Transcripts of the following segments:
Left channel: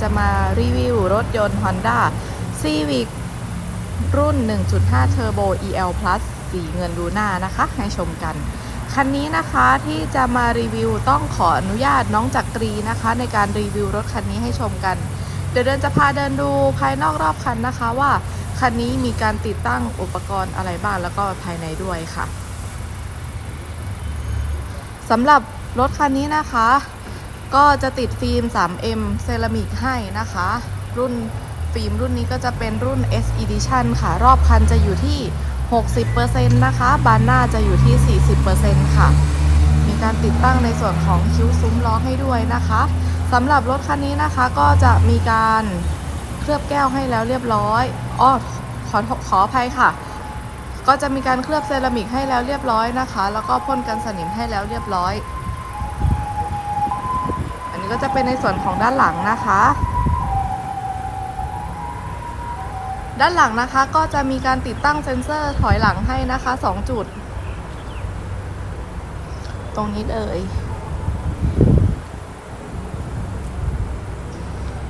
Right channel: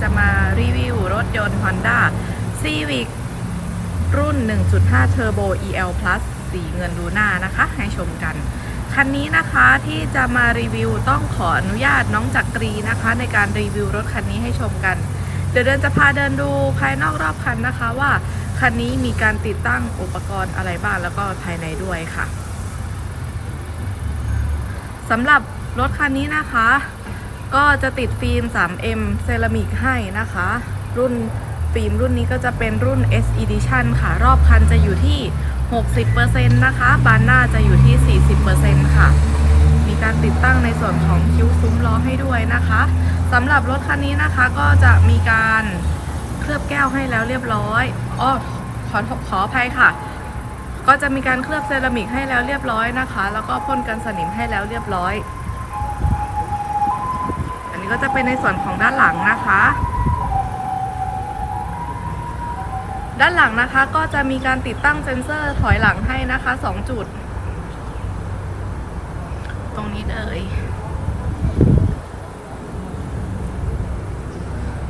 จะมารีวิวรถยนต์ Honda Civic รุ่น 1.5 Turbo EL Plus สีเงินลูน่านะคะ ให้ชมกัน คันนี้นะคะที่จะมารีวิวต้องขออนุญาตน้องจักรีนะคะ ในการรีวิวรถคันนี้ให้ชมกัน เดี๋ยวเดินจะพาเดินดูภายนอกรอบคันนะคะว่าคันนี้มีการติดตั้งอุปกรณ์อะไรบ้างแล้วก็ภายในด้วยค่ะสำหรับรถคันนี้นะคะ ก็จะติดฟิล์ม 3M เซรามิกให้นะคะ รุ่นฟิล์มรุ่นนี้ก็จะเป็นรุ่น S Edition ค่ะ รอบคันจะอยู่ที่ 60%นะคะ บานหน้าจะอยู่ที่ 40%ค่ะ มีการติดตั้งในส่วนของคิ้วซุ้มล้อให้ด้วยนะคะสำหรับรถคันนี้นะคะก็จะมีการเคลือบแก้วให้แล้วเรียบร้อยอ้อขอขออภัยค่ะ ก็จะมีการเคลือบเซรามิกให้แล้วเรียบร้อยนะคะ แล้วก็พ่นกันสนิมให้แล้วเรียบร้อย นี้ก็จะเป็นในส่วนของด้านหลังนะคะ ด้านหลังนะคะก็จะมีการติดตั้งเซ็นเซอร์ถอยหลังให้นะคะ2จุด ตรงนี้เลย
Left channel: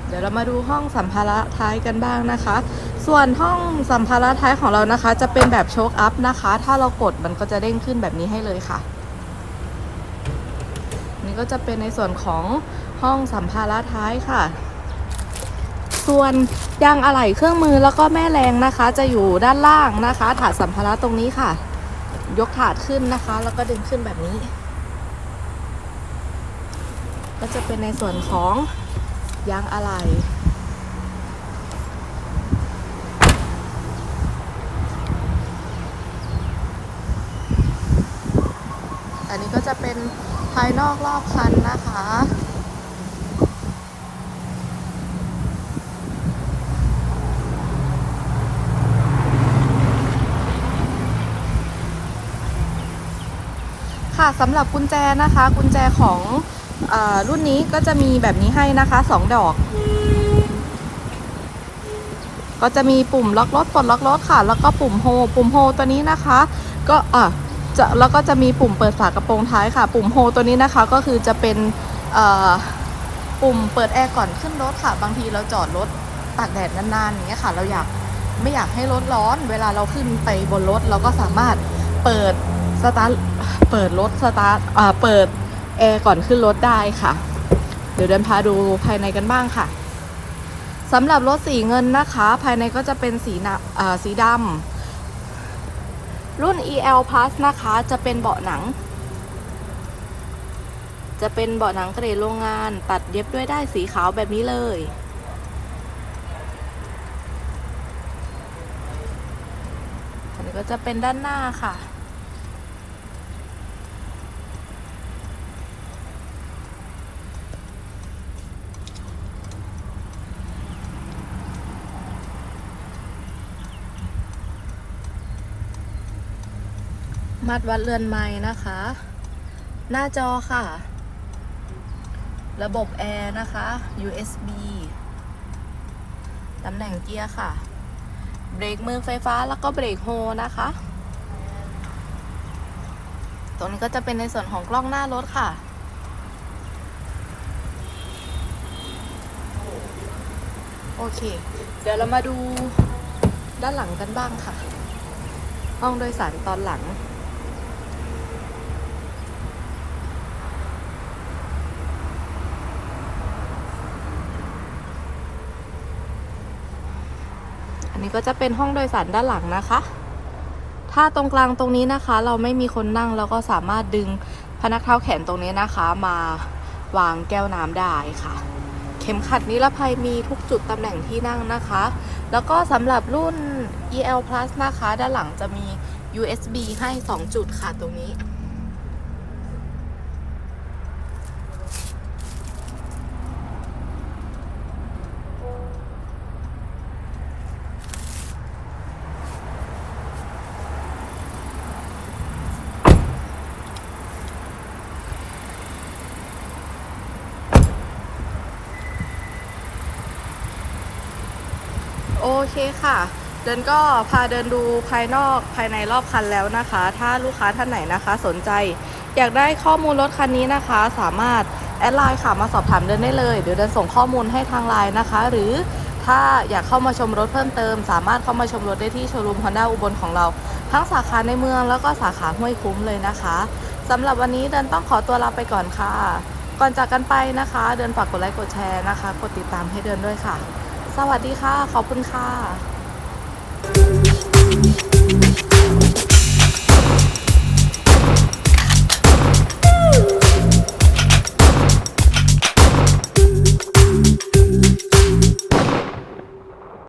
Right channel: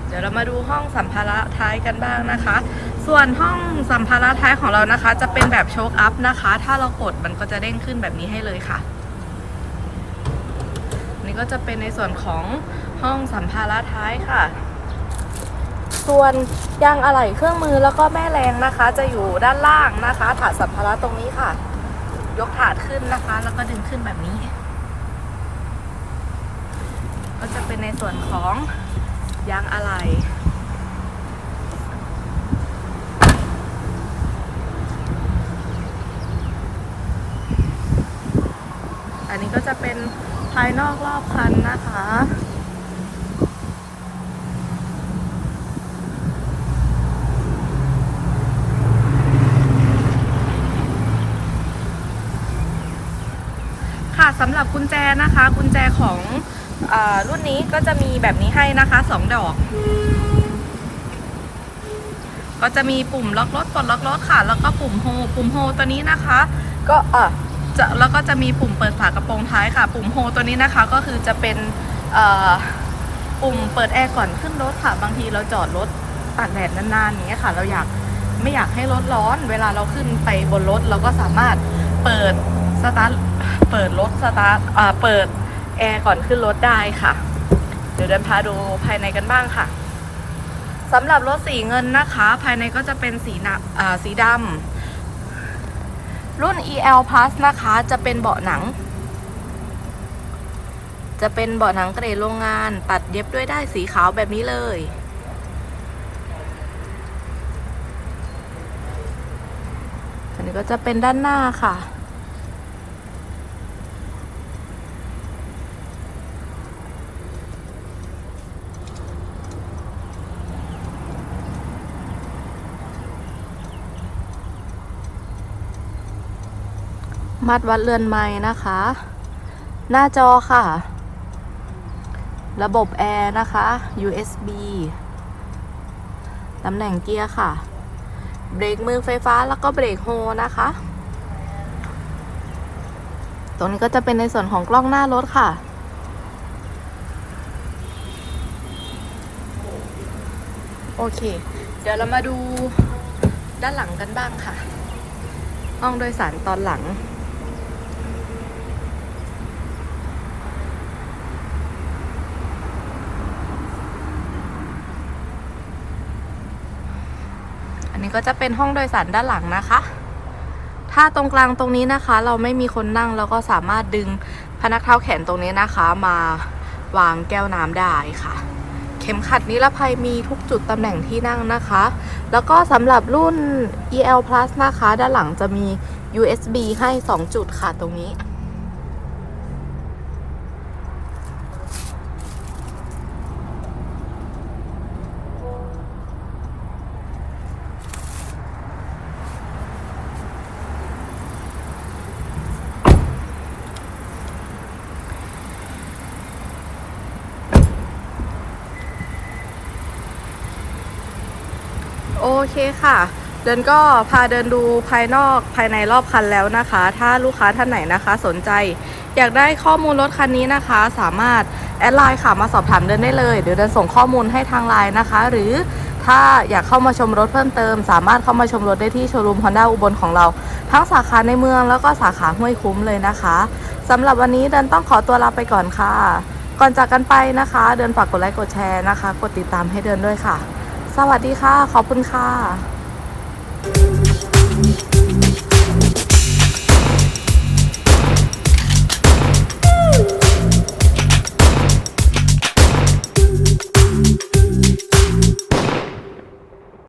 เดี๋ยวเรามาดูห้องสัมภาระท้ายกันบ้างนะคะ ส่วนห้องสัมภาระท้ายของเรานะคะ จะเป็นแบบโชคอัพนะคะ ถ้าเรากดมันก็จะเด้งขึ้นแบบนี้ให้เลยค่ะ นี่ก็จะเป็นในส่วนของห้องสัมภาระท้ายค่ะ ส่วนยางอะไหล่เครื่องมือแล้วก็แม่แรงนะคะ จะอยู่ด้านล่างนะคะ ถาดสัมภาระตรงนี้ค่ะ ยกถาดขึ้นนะคะ แล้วก็ดึงขึ้นแบบนี้ ก็จะเป็นในส่วนของยางอะไหล่อันนี้ก็จะเป็นายนอกรอบคันนะคะ ค่ะสำหรับกุญแจนะคะ กุญแจของออรุ่นนี้ก็จะมีแบบนี้ให้นะคะสองดอก ก็จะมีปุ่มล็อกรถปลดล็อกรถค่ะ แล้วก็ปุ่มโฮ ปุ่มโฮตัวนี้นะคะ ก็อะ จะแล้วก็จะมีปุ่มเปิดฝากระโปรงท้ายค่ะ ปุ่มโฮตัวนี้นะคะก็คือจะเป็นปุ่มเปิดแอร์ก่อนขึ้นรถค่ะ บางทีเราจอดรถตากแดดนานๆอย่างเงี้ยค่ะ เราอยากไม่อยากให้รถร้อน เวลาเราขึ้นไปบนรถเราก็สามารถเปิดสตาร์ทเปิดรถสตาร์ทเปิดแอร์ก่อนขึ้นรถได้ค่ะ เดี๋ยวเดินพาดูภายในกันบ้างค่ะสำหรับรถสีเงินนะคะ ภายในก็จะเป็นสีนะอ่าสีดำ รุ่น EL Plus นะคะ จะเป็นเบาะหนัง จะเป็นเบาะหนังเกรดโรงงาน ตัดเย็บด้วยได้สีขาวแบบนี้เลย อันนี้ก็จะเป็นด้านหน้าค่ะ มัดวัดเรือนไม้นะคะ หน้าจอค่ะ ระบบแอร์นะคะ USB ตำแหน่งเกียร์ค่ะ เบรกมือไฟฟ้าแล้วก็เบรกโฮนะคะ ตรงนี้ก็จะเป็นในส่วนของกล้องหน้ารถค่ะโอเค เดี๋ยวเรามาดูด้านหลังกันบ้างค่ะ ห้องโดยสารตอนหลัง นนี้ก็จะเป็นห้องโดยสารด้านหลังนะคะ ถ้าตรงกลางตรงนี้นะคะ เราไม่มีคนนั่งเราก็สามารถดึงพนักเท้าแขนตรงนี้นะคะ มาวางแก้วน้ำได้ค่ะ เข็มขัดนิรภัยมีทุกจุดตำแหน่งที่นั่งนะคะ แล้วก็สำหรับรุ่น EL Plus นะคะ ด้านหลังจะมี USB ให้ 2 จุดค่ะตรงนี้ เคค่ะ เดินก็พาเดินดูภายนอกภายในรอบคันแล้วนะคะ ถ้าลูกค้าท่านไหนนะคะ สนใจ อยากได้ข้อมูลรถคันนี้นะคะ สามารถแอดไลน์ค่ะมาสอบถามเดินได้เลยเดี๋ยวเดินส่งข้อมูลให้ทางไลน์นะคะ หรือถ้าอยากเข้ามาชมรถเพิ่มเติม สามารถเข้ามาชมรถได้ที่โชว์รูม Honda อุบลของเรา ทั้งสาขาในเมืองแล้วก็สาขาห้วยคุ้มเลยนะคะสำหรับวันนี้เดินต้องขอตัวลาไปก่อนค่ะ ก่อนจากกันไปนะคะ เดินฝากกดไลค์กดแชร์นะคะ กดติดตามให้เดินด้วยค่ะ สวัสดีค่ะ ขอบคุณค่ะ